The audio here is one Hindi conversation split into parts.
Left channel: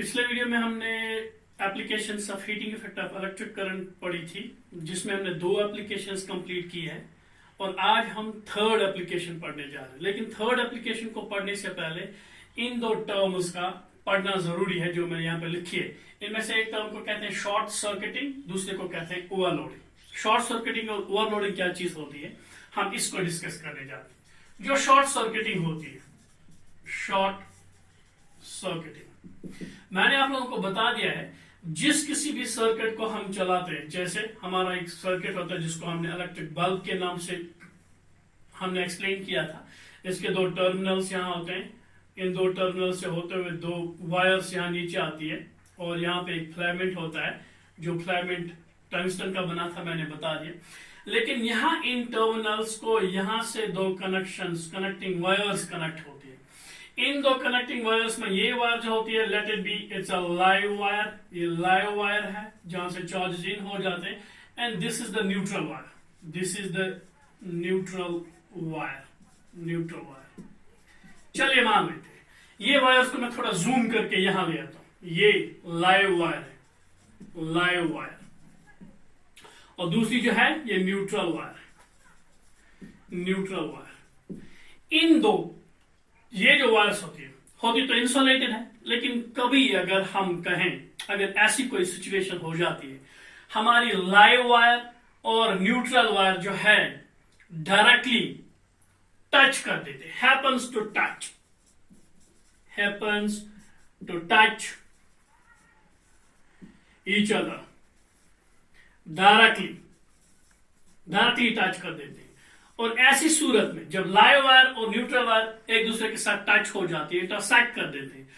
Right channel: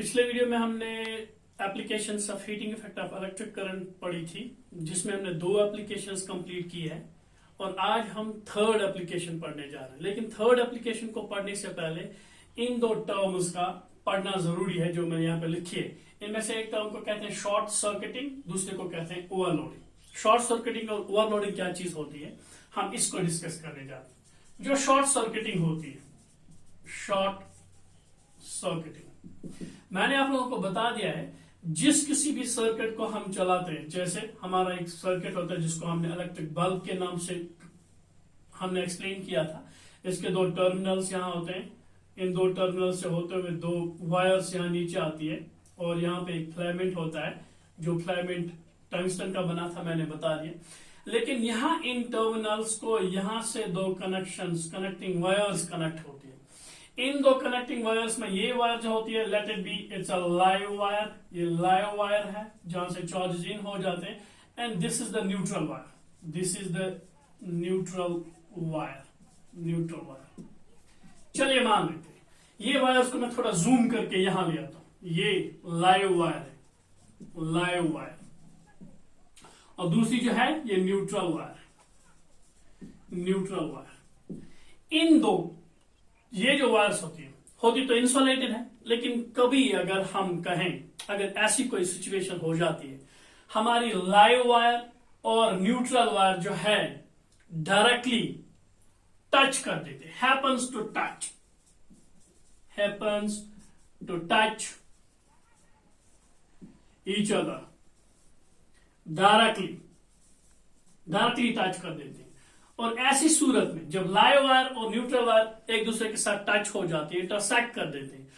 पिछले वीडियो में हमने applications of heating effect of electric current पढ़ी थी, जिसमें हमने 2 एप्लीकेशंस कंप्लीट की है और आज हम थर्ड एप्लीकेशन पढ़ने जा रहे हैं। लेकिन थर्ड एप्लीकेशन को पढ़ने से पहले इन 2 टर्म्स का पढ़ना जरूरी है जो मैंने यहाँ पे लिखी है। इनमें से एक टर्म को कहते हैं शॉर्ट सर्किटिंग, दूसरे को कहते हैं ओवरलोडिंग। शॉर्ट सर्किटिंग और ओवरलोडिंग क्या चीज होती है, हम इसको डिस्कस करने जा रहे हैं। जो शॉर्ट सर्किटिंग होती है, शॉर्ट सर्किटिंग, मैंने आप लोगों को बता दिया है, जिस किसी भी सर्किट को हम चलाते हैं, जैसे हमारा एक सर्किट होता है जिसको हमने इलेक्ट्रिक बल्ब के नाम से हमने एक्सप्लेन किया था। इसके 2 टर्मिनल्स यहाँ होते हैं, इन 2 टर्मिनल से होते हुए 2 वायर्स यहाँ नीचे आती है और यहाँ पे एक फिलामेंट होता है, जो फिलामेंट टंगस्टन का बना था, मैंने बता दिया। लेकिन यहाँ इन टर्मिनल्स को यहाँ से 2 कनेक्टिंग वायर्स कनेक्ट होती है। इन 2 कनेक्टिंग वायर्स में ये वायर जो होती है, let it be it's a live wire, ये लाइव वायर है जहां से चार्जेस इन हो जाते हैं, and this is the neutral wire, this is the neutral wire, neutral wire. चलिए मान लेते हैं ये वायर्स को मैं थोड़ा जूम करके यहां ले आता हूं। ये लाइव वायर है, लाइव वायर, और दूसरी जो है ये न्यूट्रल वायर, न्यूट्रल वायर। इन 2 ये जो वायर्स होती तो इंसुलेटेड है, लेकिन कभी अगर हम कहें, अगर ऐसी कोई सिचुएशन हो जाती है, हमारी लाइव वायर और न्यूट्रल वायर जो है डायरेक्टली टच कर देते, happens to touch each other, directly touch कर देते हैं। और ऐसी सूरत में जब लाइव वायर और न्यूट्रल वायर एक दूसरे के साथ टच हो जाती है, इंटरसेक्ट कर देते हैं,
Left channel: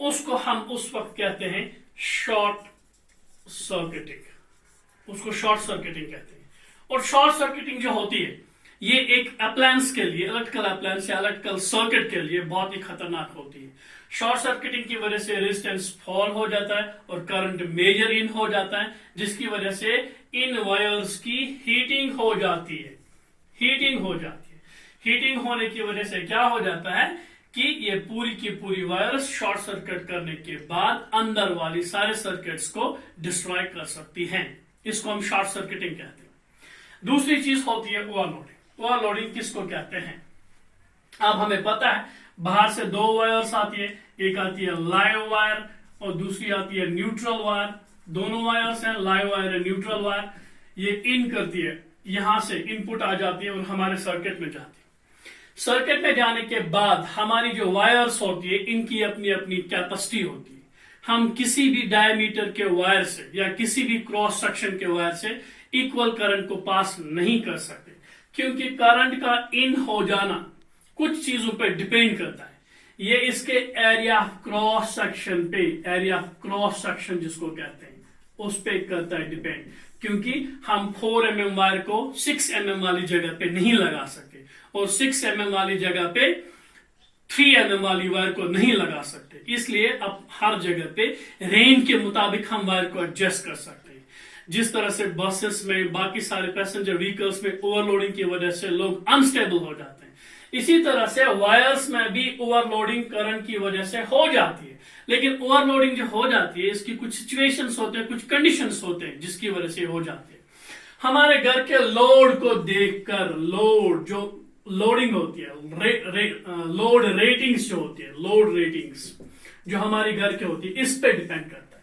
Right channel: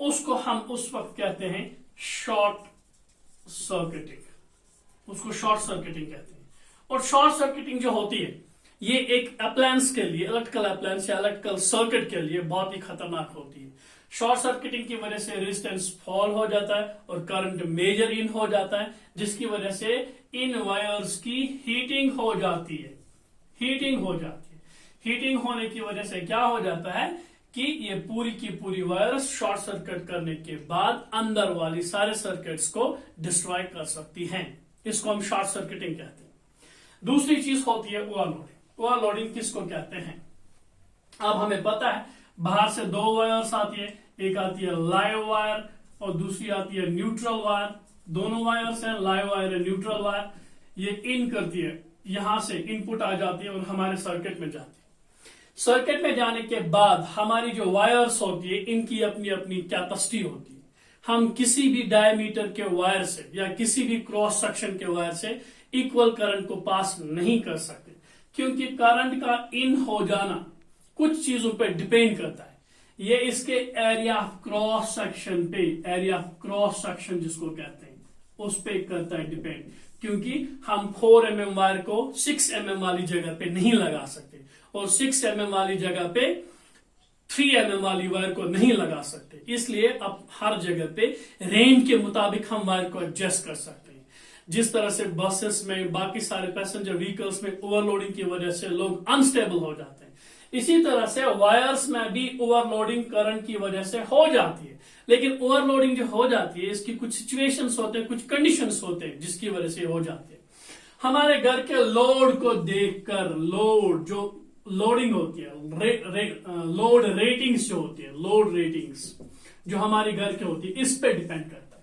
उसको हम उस वक्त कहते हैं शॉर्ट सर्किटिंग, उसको शॉर्ट सर्किटिंग कहते हैं। और शॉर्ट सर्किटिंग जो होती है, ये एक अप्लायंस के लिए, इलेक्ट्रिकल अप्लायंस या इलेक्ट्रिकल सर्किट के लिए बहुत ही खतरनाक होती है। शॉर्ट सर्किटिंग की वजह से रेजिस्टेंस फॉल हो जाता है और करंट मेजर इन हो जाता है, जिसकी वजह से इन वायर्स की हीटिंग हो जाती है, हीटिंग हो जाती है। हीटिंग होने की वजह से क्या हो जाता है कि ये पूरी की पूरी वायर्स शॉर्ट सर्किट करने के बाद अंदर वाली सारे सर्किट्स को डिस्ट्रॉय कर सकती हैं। इसको हम शॉर्ट सर्किटिंग कहते हैं। दूसरी चीज होती है ओवरलोडिंग। ओवरलोडिंग किसको कहते हैं, अब हमें पता है, बाहर से 2 वायर्स आती है, एक आती है लाइव वायर और दूसरी आती है न्यूट्रल वायर। दोनों वायर्स हैं, लाइव वायर और न्यूट्रल वायर। ये इन करती है, यहां से इनपुट आ जाती है और हमारे सर्किट में जाती है। सर्किट में जाने के बाद हमारी जो वायर्स होती है, इनकी अपनी अपनी कैपेसिटी होती है। हम किसी भी डायमीटर के वायर से या किसी भी क्रॉस सेक्शन के वायर से इक्वल करंट को पास नहीं कर सकते, क्योंकि करंट का इन हो जाना कुछ चीजों पर डिपेंड करता है। ये इसके एरिया क्रॉस सेक्शन पे, एरिया क्रॉस सेक्शन जिसको कहते हैं, उस पे करता है डिपेंड, क्योंकि हम 4 mm वायर को 6 mm वाली जगह पे नहीं लगा सकते और 6 mm वाली जगह पे 3 mm वाली वायर को नहीं लगा सकते। इसलिए अब हर जगह पे रेंज के मुताबिक हम वायर को एडजस्ट कर सकते हैं। जिस तरह से बसेस में, बाकी सारे पैसेंजर व्हीकल्स में ओवरलोडिंग की वजह से लोग अनस्टेबल हो जाते हैं, इसी तरह से वायर्स में भी ओवरलोडिंग करंट की वजह से हो जाती है। लेकिन ओवरलोडिंग जो हो जाती है, इसकी कुछ सिचुएशंस होते हैं, कुछ कंडीशंस होते हैं जिसकी वजह से हो जाती है। हमारे घर के लोड को देखकर, लोड जो लोडिंग होती है, लोड रेटिंग्स जो होती है, लोड रेटिंग्स जो हमारी घर के होती है, इस पे डिपेंड करता है।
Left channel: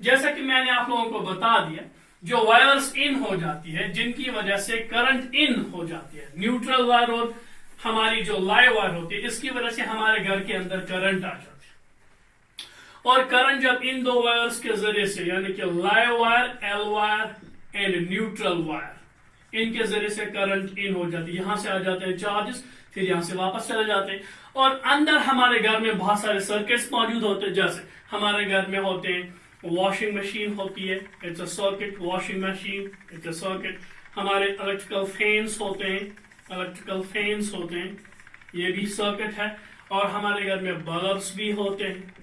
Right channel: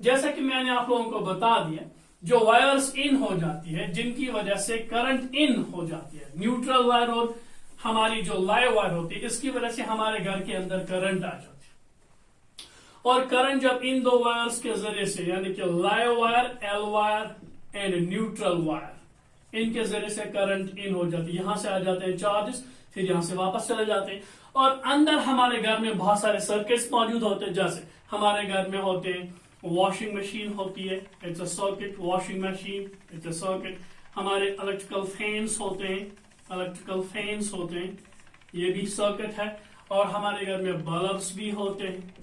जैसा कि मैंने आप लोगों को बता दिया, जो वायर्स इन हो जाती है, जिनकी वजह से करंट इन हो जाती है, न्यूट्रल वायर और हमारी जो लाइव वायर होती है, इसकी वजह से हमारे घर के अंदर करंट आ जाती है। और करंट जब इन 2 वायर्स के जरिए से, यानी कि live wire, L wire and neutral wire, इनके जरिए से करंट इन हो जाती है, यहां से आ जाते हैं चार्जेस, फिर यहां से वापस चले जाते हैं। और अंदर हमारे घर में बहुत सारे सर्किट्स मौजूद होते हैं। जैसे हमारे घर में होते हैं, वॉशिंग मशीन होती है, it's a circuit, washing machine it's a circuit. हमारे इलेक्ट्रिकल फैंस होते हैं, इलेक्ट्रिकल फैंस होते हैं, ये भी सर्किट है। और हमारे घर में बल्ब्स भी होते हैं,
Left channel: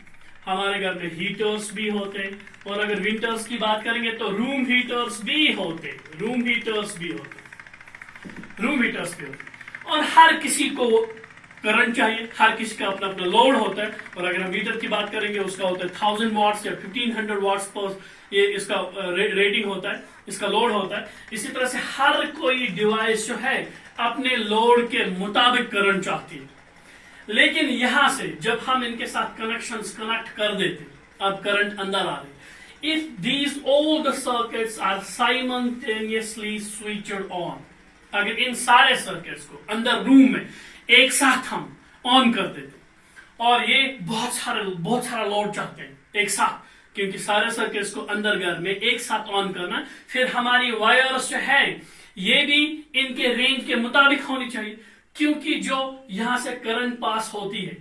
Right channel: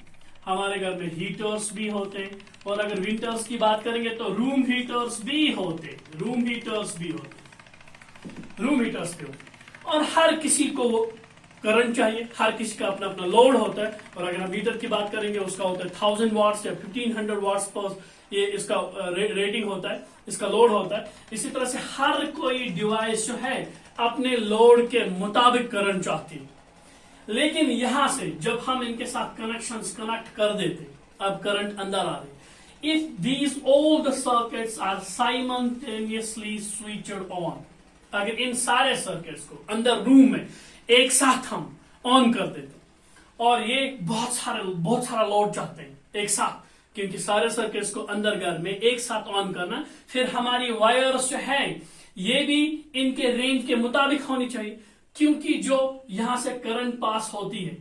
हमारे घर में हीटर्स भी होते हैं, और अगर विंटर्स की बात करेंगे तो रूम हीटर्स भी होते, रूम हीटर्स भी होते। और हर किसी को करंट चाहिए, हर किसी का अपना अपना लोड होता है। और अगर हम मीटर की बात करेंगे उसका होता है 1000 वाट्स या 1500 वाट्स पर ये इसका रेटिंग होता है, इसका लोड होता है। इसी तरह से हर कोई डिवाइस जो है अपने लोड के मुताबिक करंट चाहती है। लेकिन यहां से जब हम इनके साथ कनेक्शंस कनेक्ट कर देते, अब करंट अंदर आ रही, if these all the circuits are simultaneously switched on, अगर इन सारे सर्किट्स को अंदर रूम में एक साथ हम ऑन कर देते, और ये बहुत सारा लोड चाहते हैं एक साथ, क्योंकि सारे सर्किट्स को अंदर घर में एक साथ ऑन करना, फिर हमारी वायर्स जो है ये भी इनके रेंज के मुताबिक होनी चाहिए, क्योंकि जो यहां से करंट पास होती है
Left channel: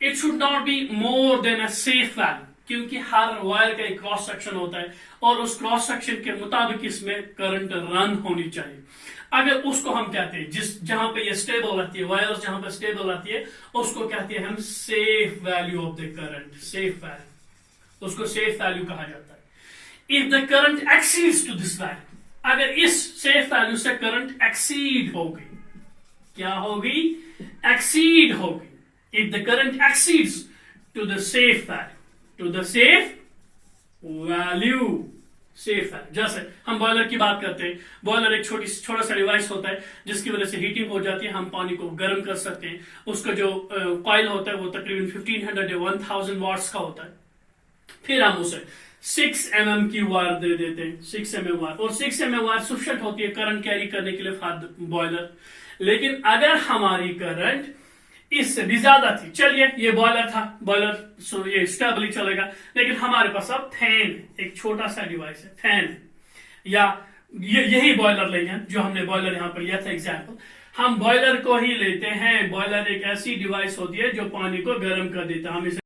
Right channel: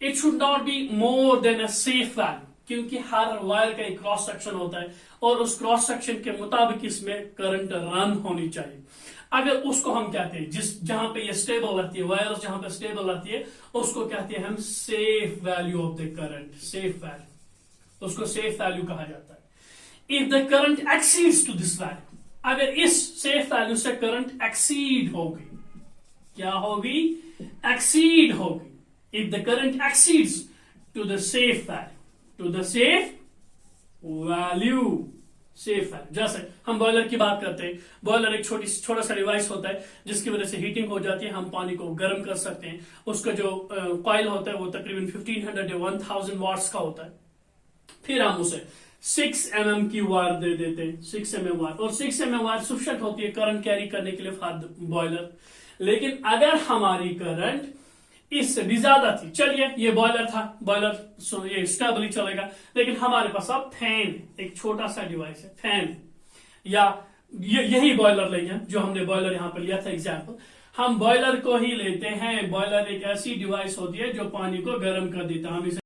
it should not be more than a safe value, क्योंकि हर वायर का एक क्रॉस सेक्शन होता है और उस क्रॉस सेक्शन के मुताबिक इसमें करंट रन होनी चाहिए। अगर उसको हम कहते हैं जहां पे ये स्टेबल रहती है, वायर्स जहां पे स्टेबल रहती है, उसको कहते हैं हम safe value of the current, safe value, उसको सेफ वैल्यू कहा जाता है। If the current exceeds to this value, अगर इस सेफ वैल्यू से करंट एक्सीड होगी, क्या होगी, एक्सीड होगी, if the current exceeds to the safe value, to the safe value, safe है। जैसे हम बॉयलर की बात करते हैं, बॉयलर एक छोटा सा डिवाइस होता है जिसकी वजह से हीटिंग हो जाती है, हम पानी को गर्म कर सकते हैं। उसका जो कॉइल होता है वो तकरीबन 1500 या 1000 वाट्स का होता है। फिर हम उसे 6 mm की वायर दे देते हैं, 6 mm वायर, और 6 mm वायर सफिशिएंट होती है करंट कैरी करने के लिए फॉर बॉयलर। लेकिन अगर हमारी करंट इससे भी ज्यादा थी, चलिए ये बॉयलर था, बॉयलर ये स्टेबली चलेगा, लेकिन हमारे पास अब फैन, एक छोटा सा डिवाइस है फैन, या यही बॉयलर लेंगे जो हमने बॉयलर यहां पर लिया था एग्जाम्पल, हम बॉयलर को ही लेते हैं। बॉयलर एक ऐसी डिवाइस होती है जो पानी को गर्म कर देता है, हम इसे